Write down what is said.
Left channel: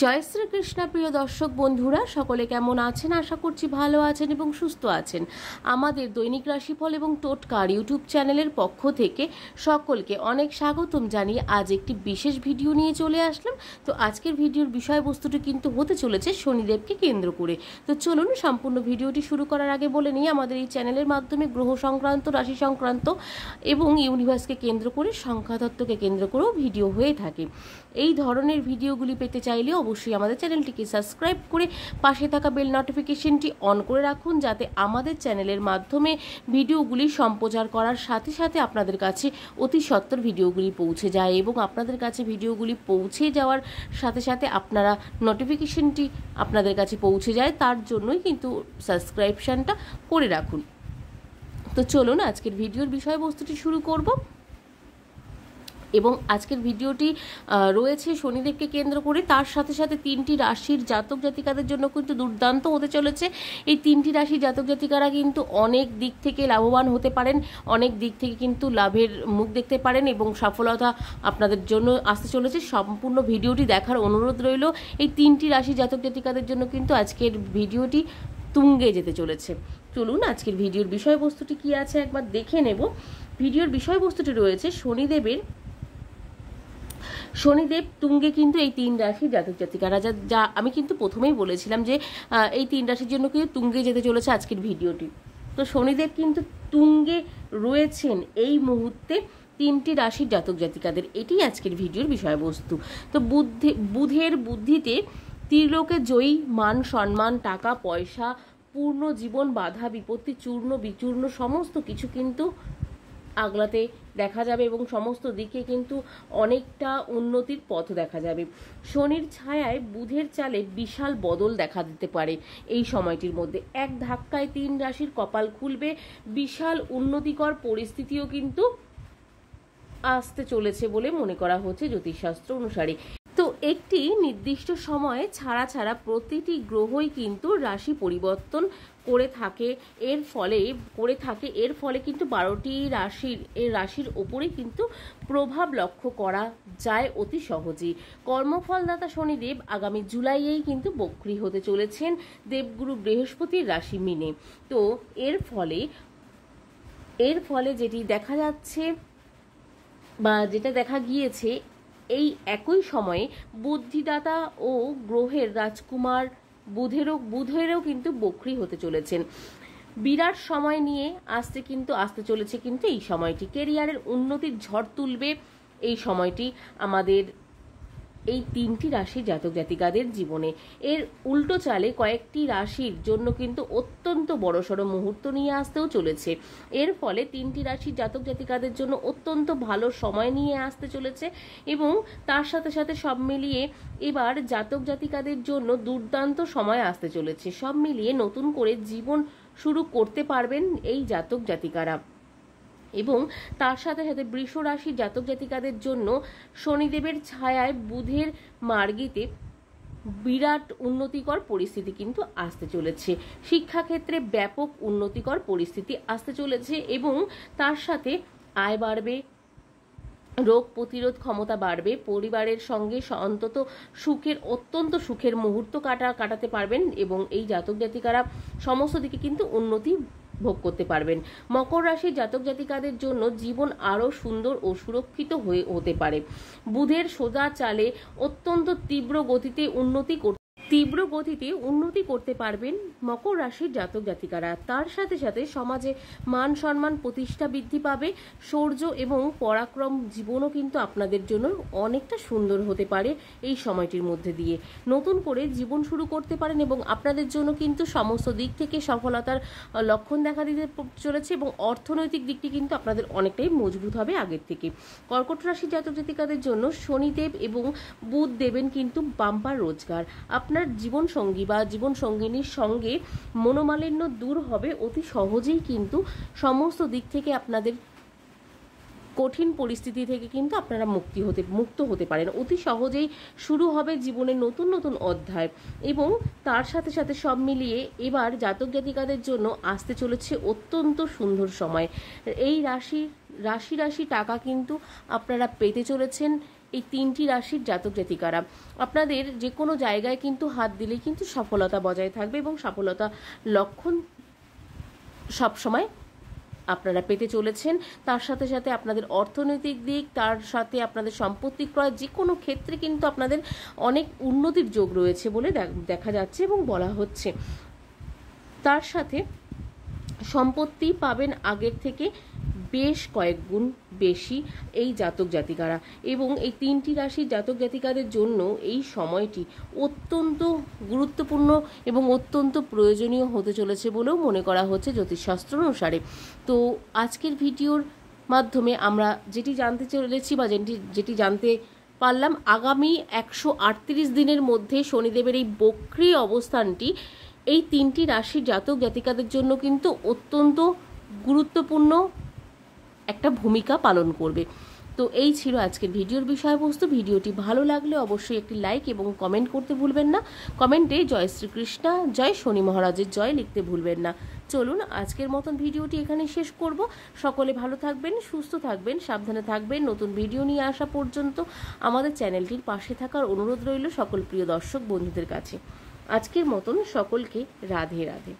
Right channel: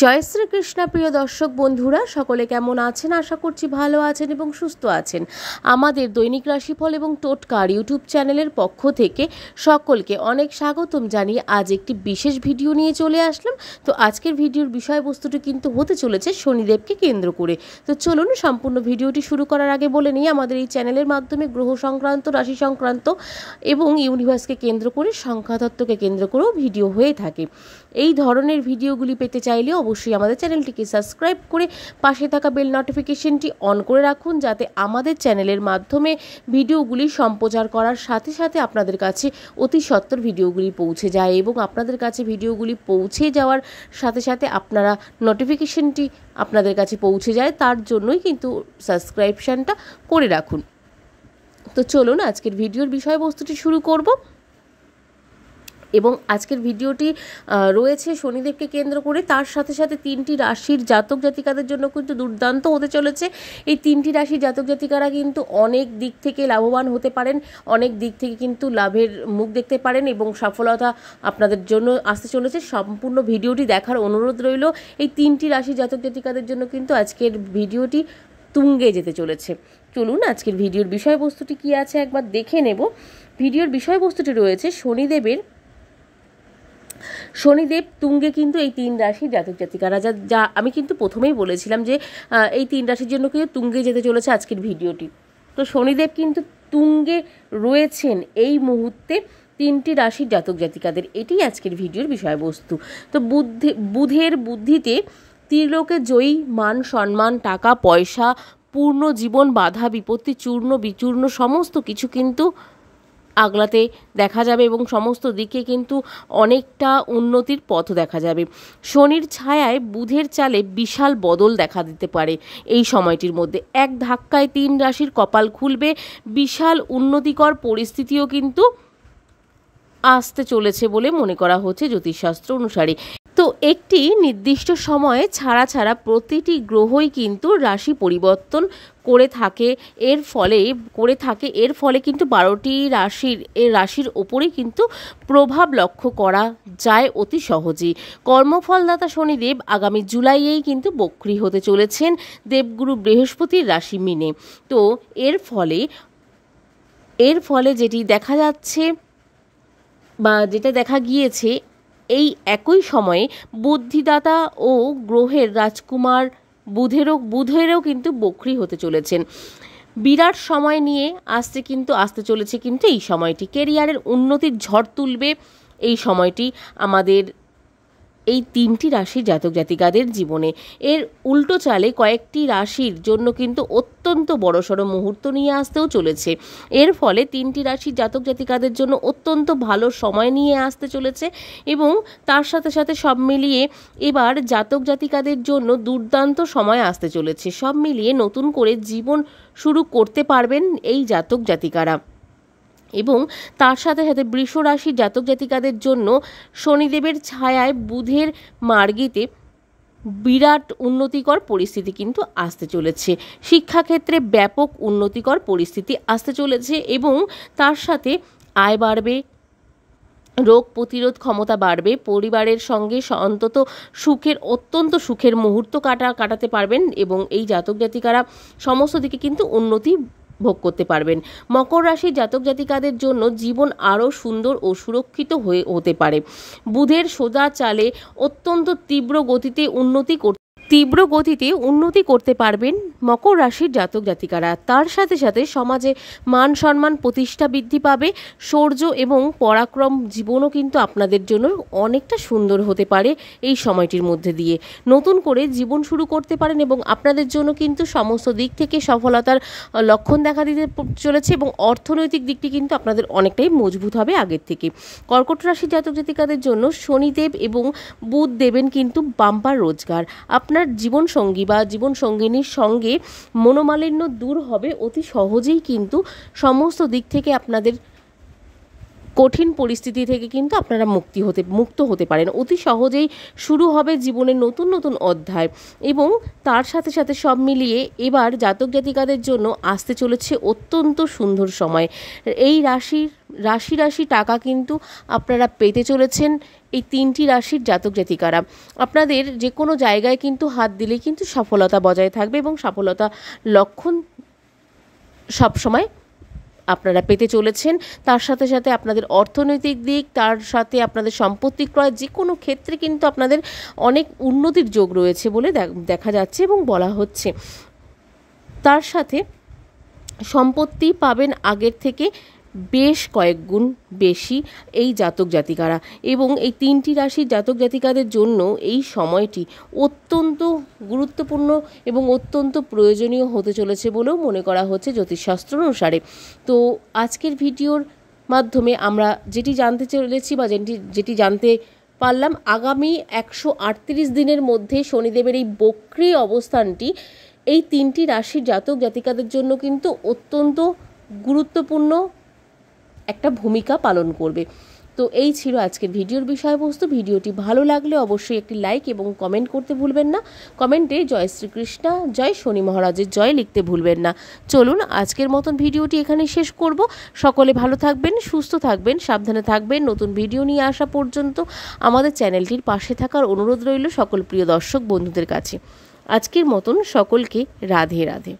জয় শ্রীকৃষ্ণ। প্রিয় দর্শক বন্ধুরা, সকলে কেমন আছেন? আশা করছি ভালো আছেন এবং সুস্থ আছেন। আমাদের দৈনিক রাশিফল এবং টোটকার ইউটিউব চ্যানেলের পক্ষ থেকে সকলকে অনেক স্বাগতম জানিয়ে আজ একটি বিশেষ ভিডিও নিয়ে চলে আসলাম। তো আজকের ভিডিওর বিষয়বস্তুটি কিন্তু হতে চলেছে শনিদেবকে কেন্দ্র করে। তো চলুন সম্পূর্ণ ভিডিওটি শুরু করার আগে বলে নিই, আমাদের এই চ্যানেলের মাধ্যমে গ্রহ সংক্রান্ত, রাশি সংক্রান্ত এবং ইউনিভার্সকে কেন্দ্র করে, সংখ্যাতত্ত্বকে কেন্দ্র করেও ভিডিও হয়ে থাকে। এই ধরনের ভিডিওগুলি পেতে চাইলে অবশ্যই আমাদের চ্যানেলটিকে সাবস্ক্রাইব করে পাশে থাকা বেল নোটিফিকেশনটি অন করে রাখুন, যাতে আমাদের চ্যানেলের মাধ্যমে ভিডিওগুলি সম্প্রচার করার সাথে সাথে আপনাদের কাছে অতি সত্বর ভিডিওগুলি পৌঁছে যায় এবং আপনাদের কাছে ভিডিওগুলি পৌঁছে যাওয়ার সাথে সাথে আপনারা নোটিফিকেশনটি আপনাদের কাছে পৌঁছে যায়, তার জন্যই কিন্তু সাবস্ক্রিপশনটা করে রাখুন। তো চলুন আজকের ভিডিওর বিষয়বস্তুটি শুরু করব। এবং আজকের ভিডিওটি রয়েছে শনিদেবকে কেন্দ্র করে, তার সাথে সাথে তিনটি রাশির জাতক জাতিকাদের জন্য কিন্তু দুর্দান্ত হতে চলেছে। এই তিনটি রাশির জাতক জাতিকারা কিন্তু অনেক দিক থেকে লাভবান হতে পারেন, অনেক দিক থেকে কিন্তু লাভের মুখ দেখতে পারেন এবং সফলতা আপনাদের জন্য আসতে চলেছে। সম্পূর্ণ ভিডিওটি দেখার অনুরোধ রইল। এই তিনটি রাশির জাতক জাতিকাদের জন্য কিন্তু আজকের ভিডিওটি তুঙ্গে যেতে চলেছে। চলুন আজকের ভিডিওর বিষয়বস্তুটি কী আছে একবার দেখে নেব। ভিডিওর বিষয়বস্তুটি রয়েছে শনিদেব তুঙ্গে কিন্তু এই তিন রাশির জাতক জাতিকারা, যা আমি কিন্তু প্রথমেই বলেছিলাম যে এই তিন রাশির জন্য কিন্তু তুঙ্গে যেতে চলেছে আজকের ভিডিওটি। তো শনিদেব কিন্তু তুঙ্গে রয়েছেন এই মুহূর্তে তিনটি রাশির জাতক জাতিকাদের, এটি আজকের ভিডিওর বিষয়বস্তু। তো বুধের বুদ্ধিতে ত্রিলোকে জয়ী, মান সম্মান, টাকা পয়সা, পূর্ণ জীবন, বাধা বিপত্তি, চূর্ণ বিচূর্ণ সমস্ত কিছু কিন্তু আগলাতে দেখা যাবে এবং সমস্ত দিকে কিন্তু অনেকটা উন্নতির পথ দেখা যাবে। শনির ছায়ায় বুধের চালে বিশাল বদল দেখা দিতে পারে। এই সময়টির মধ্যে এক ধাক্কায় তিন রাশির কপাল খুলবে, বিশাল উন্নতিকর পরিস্থিতিও কিন্তু আসতে চলেছে বলে মনে করা হচ্ছে জ্যোতিষশাস্ত্র অনুসারে। তো একটি নির্দিষ্ট সময়ে ছাড়া প্রতিটি গ্রহই কিন্তু রাশি পরিবর্তন করে থাকে। এর ফলে কিন্তু 12টি রাশির ওপরেই কিন্তু প্রভাব লক্ষ্য করা যায় অতি সহজেই। কর্মফলদাতা শনিদেব আগামী জুলাইয়েই কিন্তু বক্রী হতে চলেছেন দেবগুরু বৃহস্পতির রাশি মিনে। তো এর ফলে যেটি দেখা যাচ্ছে বা যেটা দেখা গিয়েছে, এই একই সময়ে বুদ্ধিদাতা ও গ্রহের রাজকুমার বুধেরও কিন্তু বক্রী হতে চলেছেন। বিরাট সময় নিয়ে আসতে চলেছে কিন্তু এই সময়টি কেরিয়ারের উন্নতির ঝড় তুলবে। এই সময়টি আমাদের এই তিনটি রাশির জাতক জাতিকাদের জীবনে। এর উল্টো চালে কয়েকটি রাশির জন্য কিন্তু অত্যন্ত বড়সড় মুহূর্ত নিয়ে আসতেও চলেছে। এর ফলে তিনটি রাশির জাতক জাতিকাদের জন্য অত্যন্ত ভালো সময় নিয়ে আসতে চলেছে এবং তার সাথে সাথে সব মিলিয়ে এবার জাতক জাতিকাদের জন্য দুর্দান্ত সময় আসতে চলেছে। সব মিলিয়ে নতুন করে জীবন শুরু করতে পারবেন এই জাতক জাতিকারা। এবং তার সাথে সাথে বৃষ রাশির জাতক জাতিকাদের জন্য শনিদেবের ছায়ায় বুধের মার্গীতে বিরাট উন্নতিকর পরিস্থিতি কিন্তু আসতে চলেছে। শিক্ষাক্ষেত্রে ব্যাপক উন্নতিকর পরিস্থিতি আসতে চলেছে এবং তার সাথে আয় বাড়বে, রোগ প্রতিরোধ ক্ষমতা বাড়বে, পরিবারের সঙ্গে অত্যন্ত সুখের মুহূর্ত কাটাতে পারবেন এবং এই জাতক জাতিকারা সমস্ত দিকে কিন্তু উন্নতি ভোগ করতে পারবেন। মকর রাশির জাতক জাতিকাদের জন্য জীবন আরও সুন্দর ও সুরক্ষিত হতে পারে। বুধের সোজা চালে অত্যন্ত তীব্র গতিতে উন্নতি করতে পারবেন মকর রাশির জাতক জাতিকারা। তার সাথে সাথে সমাজে মান সম্মান প্রতিষ্ঠা বৃদ্ধি পাবে। শৌর্য এবং পরাক্রম জীবনও কিন্তু আপনাদের জন্য অনেকটা সুন্দর হতে পারে। এই সময়টির মধ্যে দিয়ে নতুন করে জীবন শুরু করতে পারেন এবং আপনাদের জন্য কিন্তু সমস্ত দিক থেকে সফলতার লক্ষণ দেখা দিতে চলেছে এবং অর্থনৈতিক দিকটি কিন্তু আপনাদের অনেকটাই মজবুত হবে আগের থেকে। কর্কট রাশির জাতক জাতিকাদের জন্য শনিদেব এবং বুধ দেবেন কিন্তু বাম্পার রোজগার। আপনার জীবনসঙ্গী বা জীবনসঙ্গিনীর সঙ্গে মনোমালিন্য দূর হবে অতি সহজেই, কিন্তু সমস্ত দিক থেকে আপনাদের কঠিন পরিস্থিতি থেকে কিন্তু আপনারা মুক্ত হতে পারেন। অতি সহজেই শুরু হবে জীবনের নতুন নতুন অধ্যায় এবং তার সাথে সাথে সব মিলিয়ে এবার জাতক জাতিকাদের জন্য আসতে চলেছে অত্যন্ত সুন্দর সময়। এই রাশি টাকা কিন্তু আপনারা পেতে চলেছেন এই 3টি রাশির জাতক জাতিকারা আপনাদের যে কোনো জায়গায় কিন্তু হাত দিলেই কিন্তু সফলতা বজায় থাকবে এবং সফলতা লক্ষণ সবসময় আপনারা পেতে চলেছেন। তার সাথে সাথে আপনাদের অর্থনৈতিক দিক, তার সাথে আপনাদের সম্পত্তি ক্রয়, যে কোনো ক্ষেত্রে কিন্তু আপনাদের অনেক উন্নতির যোগ রয়েছে বলে দেখা যাচ্ছে এবং বলা হচ্ছে। তার সাথে সম্পত্তি পাবেন আগের থেকে বেশ কয়েক গুণ বেশি এই জাতক জাতিকারা, এবং এই 3টি রাশির জাতক জাতিকাদের জন্য এই সময়টি অত্যন্ত গুরুত্বপূর্ণ এবং অত্যন্ত প্রয়োজনীয় হতে চলেছে বলেও মনে করা হচ্ছে জ্যোতিষশাস্ত্র অনুসারে। তো আজকের ভিডিওর মাধ্যমে আমরা যেটি জানতে চলেছি বা যেটি জানতে পারলাম, আগামী 138 দিনের মধ্যে শনিদেবের এই বক্রী অবস্থানটি এই 3টি রাশির জাতক জাতিকাদের জন্য কিন্তু অত্যন্ত গুরুত্বপূর্ণ একটা ভূমিকা পালন করবে। তো এই ছিল আজকের ভিডিওর বিষয়বস্তু। ভিডিওটি ভালো লাগলে অবশ্যই একটি লাইক এবং কমেন্ট করতে ভুলবেন না। কমেন্টে জয় শ্রীকৃষ্ণ, জয় শনি মহারাজের জয় লিখতে ভুলবেন না। চলুন আজকের মতন ভিডিওটি এখানে শেষ করব। সকলে ভালো থাকবেন, সুস্থ থাকবেন, সাবধানে থাকবেন। নতুন ভিডিও নিয়ে আসা পর্যন্ত আমাদের চ্যানেলটির পাশে থাকার অনুরোধ রইল সকল প্রিয় দর্শক বন্ধুদের কাছে। আজকের মতন সকলকে রাধে রাধে।